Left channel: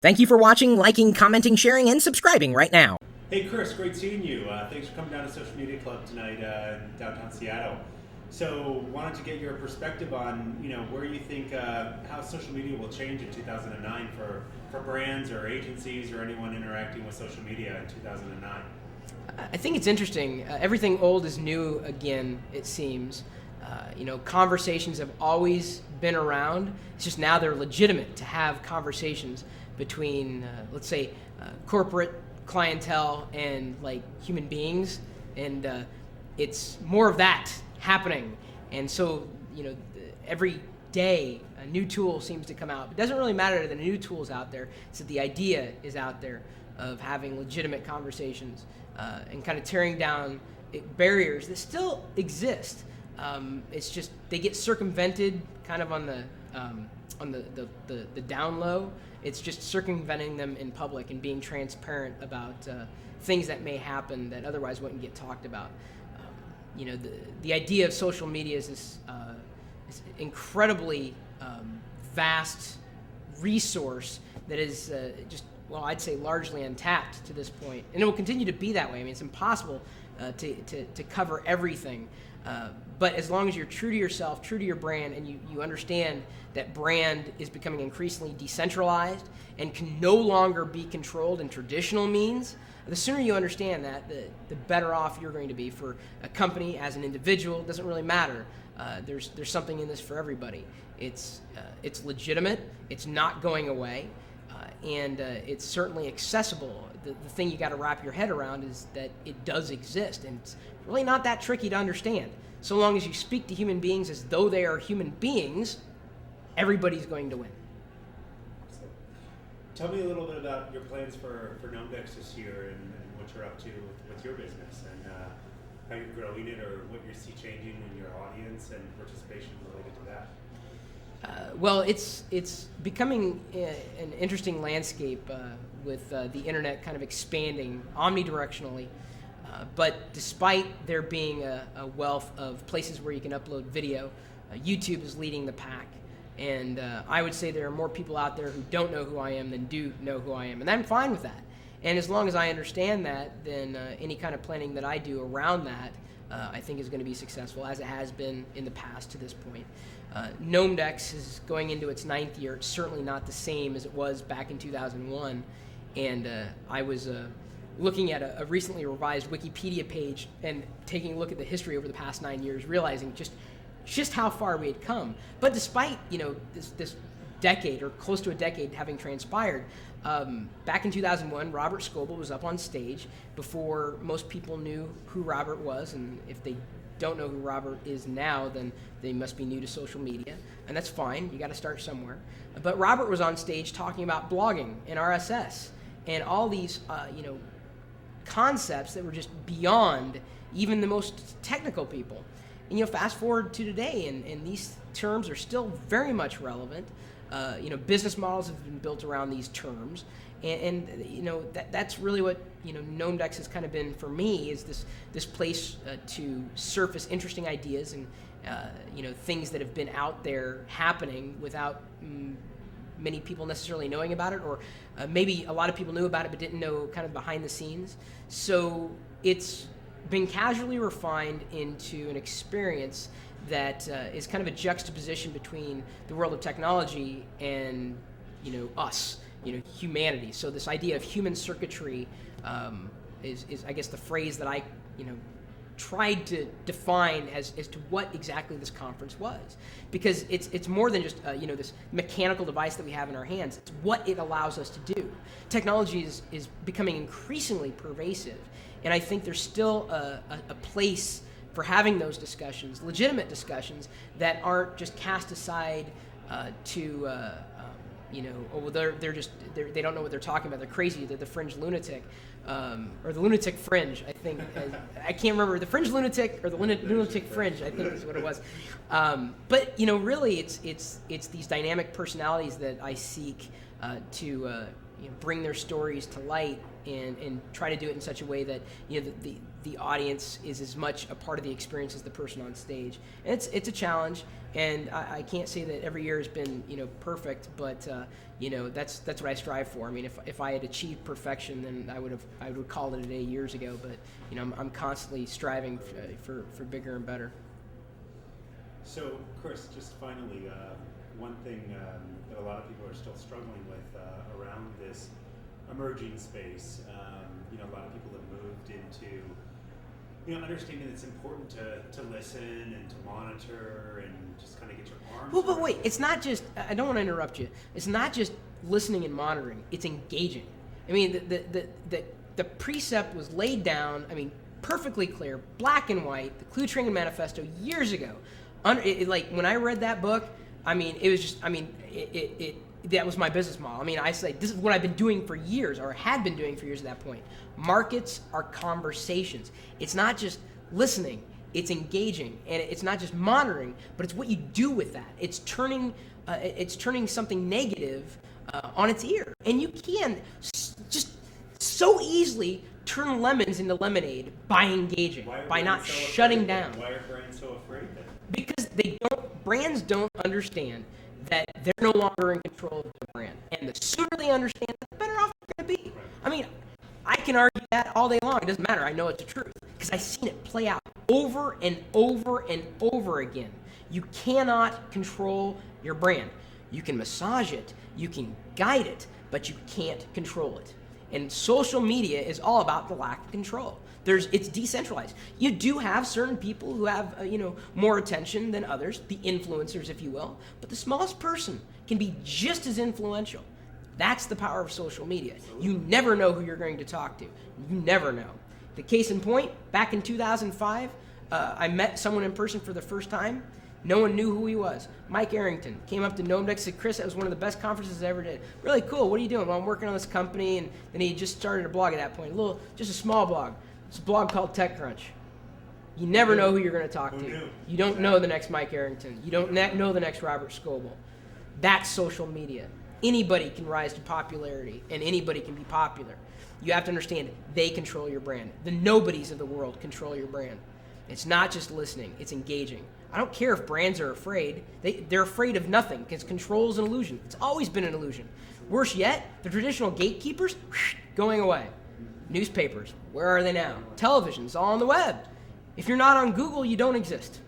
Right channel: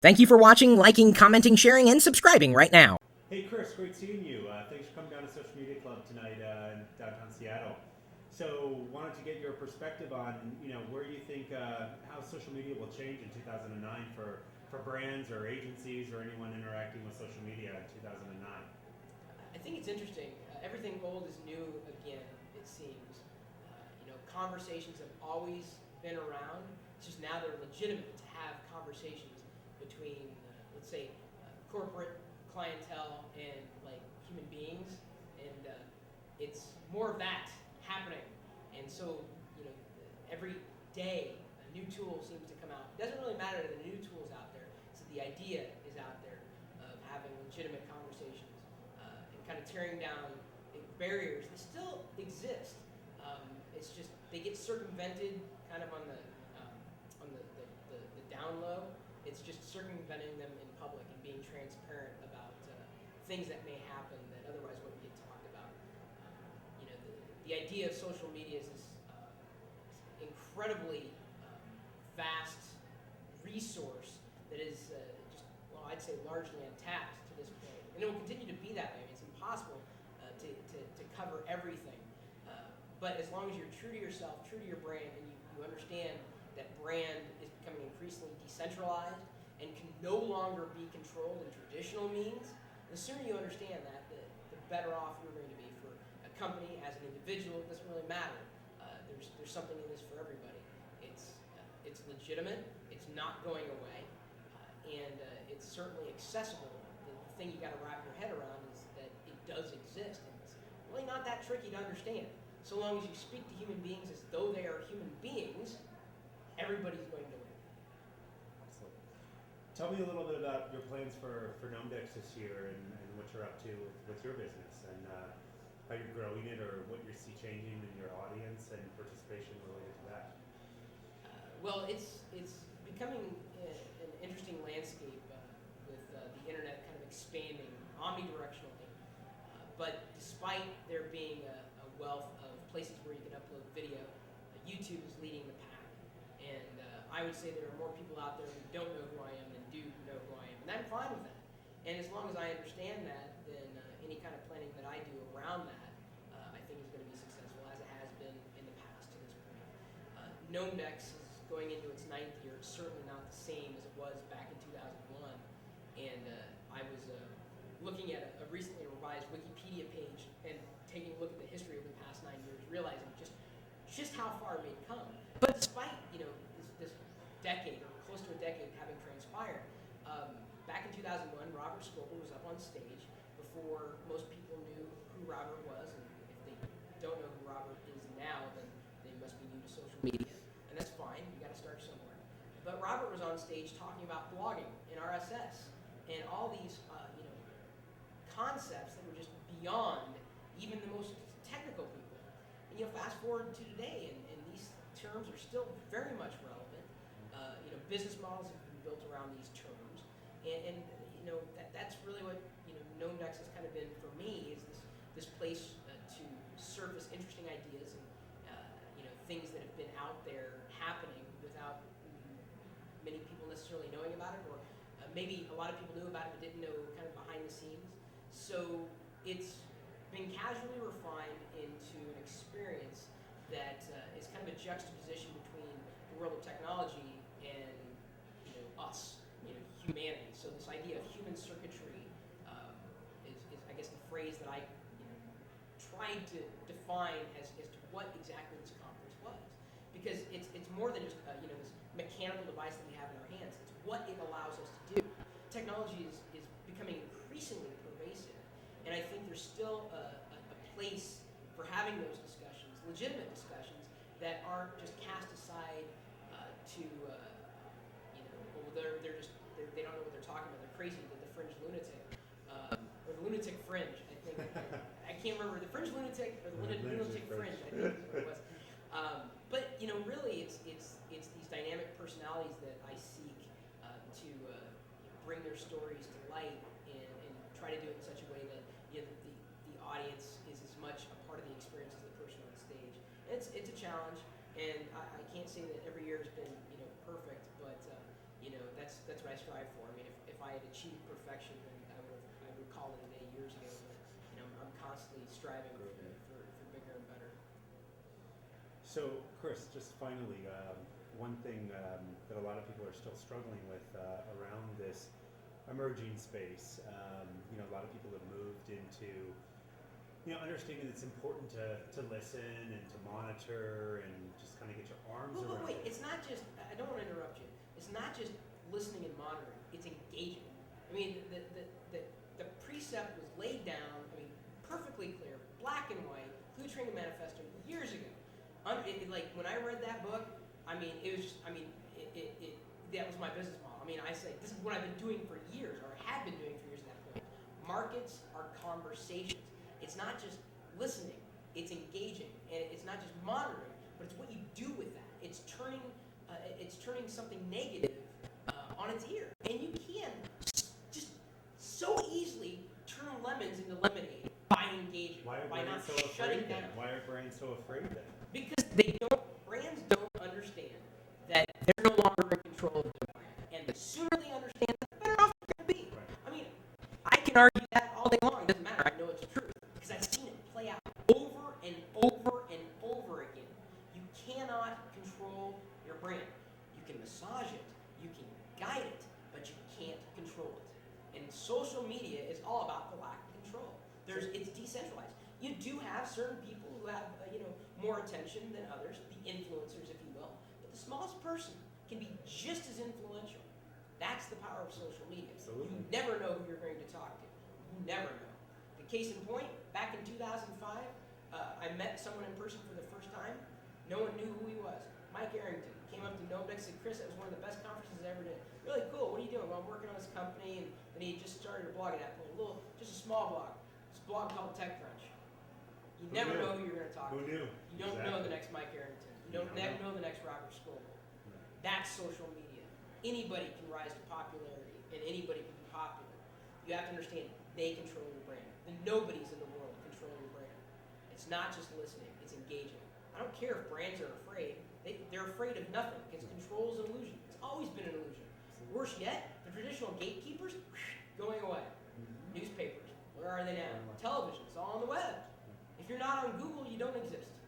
Thank you for watching, liking, commenting, sharing, and subscribing right now. Hey Chris, great seeing you. Thanks for coming down to Social Media Club tonight in downtown Seattle. So wanted to get your perspective on, where you think how social media will change in 2009 for brands or agencies or anyone interacting with social media in 2009. I think it's interesting. Everything old is new again, it seems. Conversations have always been around. It's just now they're legitimate to have conversations between, let's say, corporate clientele and like human beings, and it's more of that happening. And so, every day a new tool seems to come out. It doesn't really matter that the new tool's out there. It's that the idea is out there of having legitimate conversations and kind of tearing down barriers that still exist. It's just they get circumvented kind of on the down low. It's just circumventing them in public and being transparent about things that may happen that otherwise wouldn't get talked about. The idea of social media is this incredibly vast resource that is I'd say largely untapped to this point, and it will continue to be that way. I mean, it's impossible to cover everything. But as long as you're true to yourself, true to your brand, and you understand that brand is becoming increasingly decentralized and can no longer be controlled in traditional means, the sooner you understand that, the better off you're going to be for a company, as an individual. It doesn't really matter. There's something in this for everybody. It's legitimate. It's not going away. And it's certainly accessible. The thing you got to wrap your head around is that it does exist, and it's really not that tricky to understand. So long as you speak to human beings as though they are human beings, everybody's going to win. So, tell me a little bit about your plans for Gnomedex this year and what you're up to with your business and how you're growing it or what you see changing in your audience and participation related to that. Well, it's becoming an interesting landscape with the internet kind of expanding omnidirectionally. But despite there being a wealth of places where you can upload video, YouTube is leading the pack. And I would say there are more people out there who don't know who I am than do know who I am. And I'm fine with that. And as long as I understand that, then any kind of planning that I do around that, I think is going to be successful, as it has been in the past to this point. Gnomedex is going into its 9th year. It's certainly not the same as it was back in 2001. And I was looking at a recently revised Wikipedia page and taking a look at the history over the past 9 years, realizing just how far we had come. But despite this decade or close to a decade having transpired, back in 2001, Robert Scoble was up on stage before most people knew who Robert was, and if they don't know who Robert is now, then they must be new to social media, and that's fine. You got to start somewhere. But Robert was on stage talking about blogging and RSS and all these concepts that were just beyond even the most technical people. And fast forward to today, and these terms are still very much relevant. Business models have been built around these terms, and that's really what Gnomedex has kind of been for me, is this place to surface interesting ideas and things that have been out there happening without many people necessarily knowing about it, or maybe a lot of people knew about it but didn't know kind of behind the scenes. So it's been casually refined into an experience that is kind of a juxtaposition between the world of technology and us, humanity. So this idea of human circuitry is I guess the phrase that I tried to define as to what exactly this conference was, because it's more than just this mechanical device that we have in our hands. It's what it allows us to do. Technology is becoming increasingly pervasive, and I think there's still a place for having those discussions, legitimate discussions that aren't just cast aside they don't know what they're talking about. They're crazy. They're the fringe lunatic. Or the lunatic fringe, I think. I can't remember. The fringe lunatic or the lunatic fringe, I think is what it was. But really, it's these dynamic personalities that I seek bring their stories to light and try to do it in such a way that the audience is as much a part of the experience as the person on stage. And it's a challenge, and I can't say that every year has been perfect, but that's what I strive for. I mean, if I had achieved perfection, then I would call it a day years ago. But I'm constantly striving for bigger and better. So, Chris, just finally, one thing that a lot of people are still struggling with around this emerging space, a lot of people have moved into understanding it's important to listen and to monitor and just kind of get your arms Well, but around wait, it. it's not just, I don't want to interrupt you. It's not just listening and monitoring, it's engaging. I mean, the precept was laid down, perfectly clear, black and white, the Clue-Training Manifesto years ago. Like, when I read that book, it was just, that was my business model. I say, this is what I've been doing for years, or had been doing for years at that point. Markets are conversations. It's not just listening, it's engaging, and it's not just monitoring, but it's what you do with that. It's turning something negative on its ear, and you can just so easily turn lemons into lemonade by engaging, by not shutting down. Why are brands so afraid of it? Because brands don't understand that they're no longer in control of their brand, and the sooner they understand that, the better off they're going to be. I can argue that all day long. It doesn't matter. I know it's the truth because I've seen it play out over and over and over again. You cannot control your brand. You can massage it, you can guide it, but you can't control it. And social media is all about the lack of control. It's decentralized. You do have certain people who have more attention than others, the influencers, if you will, but the smallest person can be just as influential. That's the power of social media. You never know who you're going to talk to. You never know. The case in point, back in 2005, I met someone in person for the first time. No one knew who he was. Mike Arrington came up to know him and said, Chris, that was one of the best conferences I ever did. Really cool. What are you doing? Well, I'm working on this company. And then he just started a blog at that point, just a small blog. It's a blog called TechCrunch. You never know who you're going to talk to. You don't know the next Mike Arrington. You don't know the next Robert Scoble. That's social media. Anybody can rise to popularity, and anybody can be popular. You have to understand they control your brand. The nobodies of the world control your brand. It's not just listening, it's engaging. I don't care if brands are afraid. They're afraid of nothing because control is an illusion. It's always been an illusion. Worse yet, the traditional gatekeepers, going away. Newspapers, where are they now? Television's all on the web. If you're not on Google, you don't exist.